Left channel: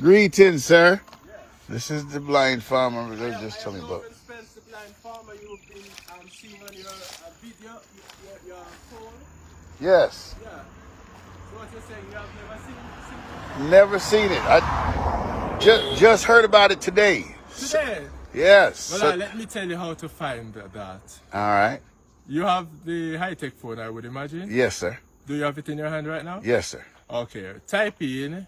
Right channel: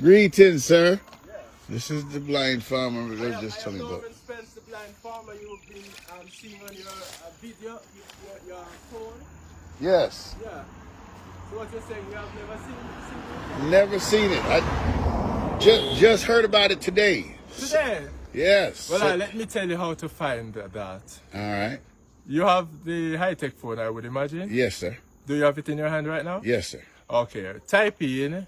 Greetings, sir. This is the blind farmer they just told me about. Spence, the blind farmer you've been seeing on your video, your phone. Yes. Yeah. So what you're saying, you have never seen it? Never seen it. I just heard about it today. Today? Yes. Well, let me tell you how to find that. All right. You have the high-tech phone, I would imagine? Yes, sir. Do you have it in your hand right now? Yes, sir. Okay. Type in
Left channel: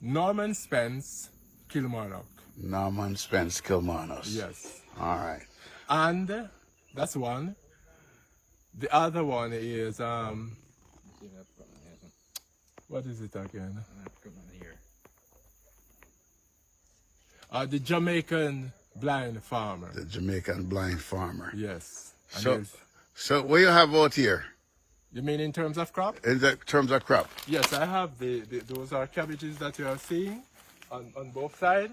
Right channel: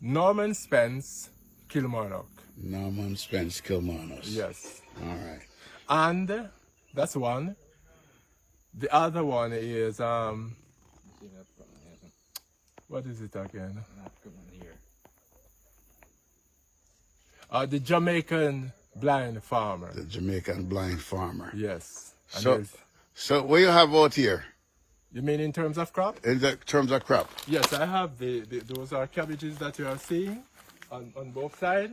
Norman Spence Kilmarnock. Norman Spence Kilmarnock. Yes. All right. And that's one. The other one is what is it again? The Jamaican blind farmer. The Jamaican blind farmer. Yes. So what you have out here? You mean in terms of crop? In terms of crop? Yes, I have those are cabbages that you are seeing on both sides.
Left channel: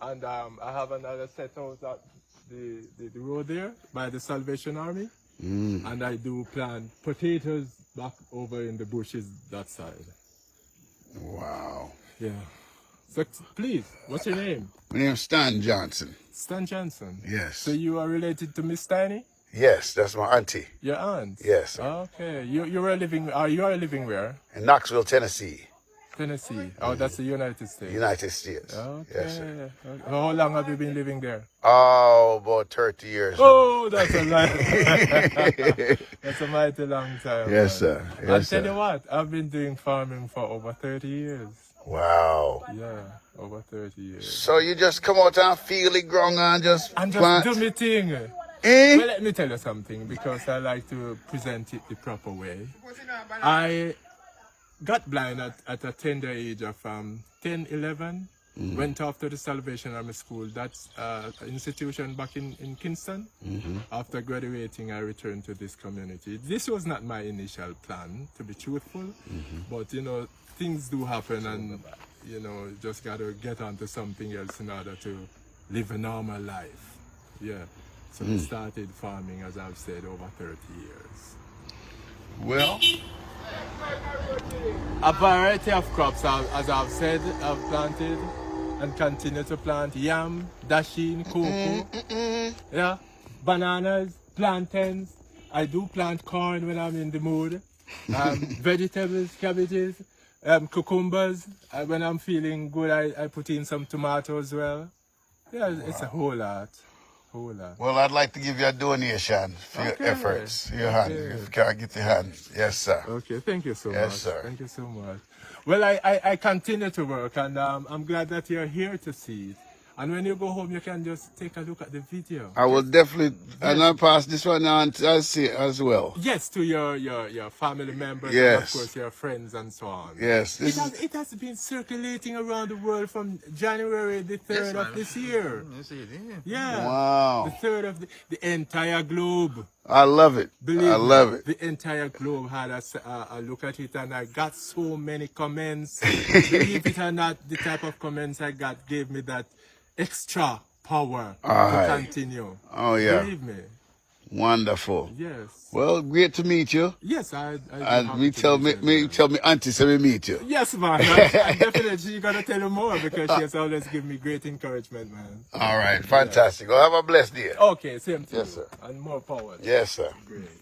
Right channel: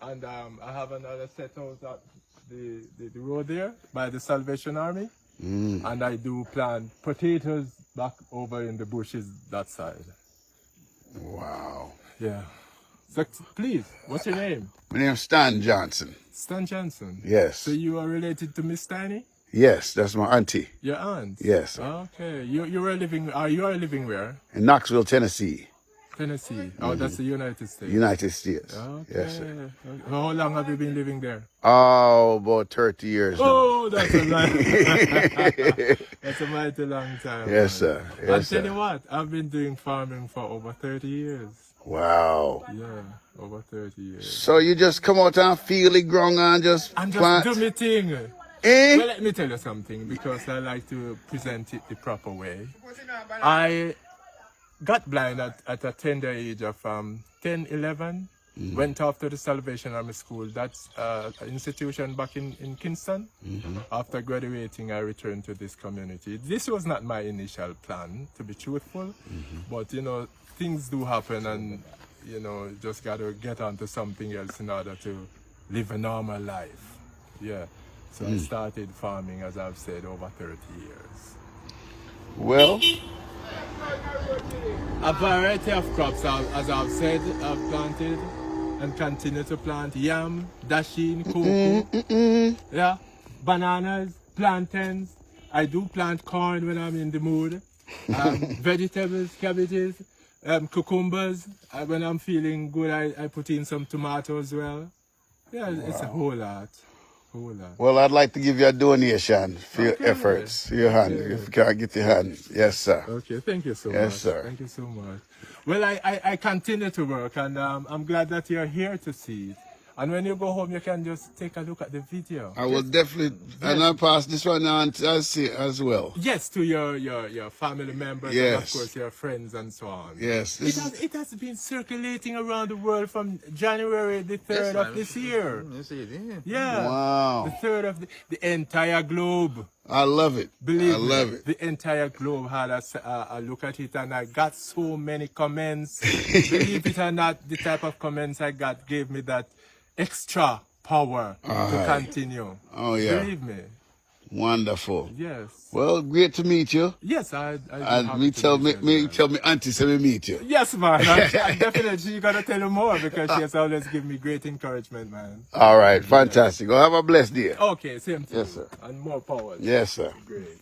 And I have another set out at the road there by the Salvation Army. And I do plant potatoes back over in the bushes that side. Wow. Yeah. So please, what's your name? My name's Stan Johnson. Stan Johnson? Yes. So you are related to Miss Tiny? Yes, that's my auntie. Your aunt? Yes. Okay. You are living where? In Knoxville, Tennessee. Tennessee. Oh, that's the United States. United States. Okay. Yes, Okay. How long have you been living there? Oh, about 30 years. Oh, that's a that's a mighty long time. Yes, sir. Yes, I'll sir. tell you what, I've been doing farming for over 30 years. Wow. Yeah, over 30 years. So you just come out and feel the ground and just... do my thing. Well, let me tell you something, because I like to present it the proper way. I got blind at a tender age of 10, 11. Went off to the Salvation Army School. That's an institution back in Kingston. After graduating, I returned to this community. This was not my initial plan, to be truthful. But, you know, things do happen, and, you know, just got to get onto something else in order to live a normal life. Yeah. So I started farming, as I've said, over 30 years. Well, a variety of crops, as I've said, I've planted and continue to plant yam, dasheen, cocoa, yeah, bananas, plantains. I do plant corn when I'm in the mood. Vegetables, cabbages, cucumbers. When I'm feeling good, I put in some tomatoes as well. Yeah, it's a whole lot. Well, I'd like to give you a donation for your efforts. Your hand. If you can get your hand. Yes, sir. Okay, thank you so much. Sir. Thank you so much. Well, I continue to work, and I'm glad that you're here to see it. And when you go home, you can just take a look at the video. I will definitely, and I'll pass this one on to see it as well. Yes, to your family members, Yes. and of course your friends and so on. Yes. It has been circulating around the world from January the 3rd of this year. Yeah. Wow. The 3rd of the entire globe. I love it. Believe I love me, it. the entire globe had a look at it, and I got so many comments. Believe it or not, the type of comments I got gave me that extra power to continue. Oh, yeah. Believe me. Wonderful. Yes. Well, great to meet you. Yes, And tell me auntie so we meet you. Yes, man. I definitely, you gotta tell her more, because she has always given me great encouragement, man. All right, fantastic. Well, have a blessed day. Okay, same to you. And more power. Yes, sir. Great.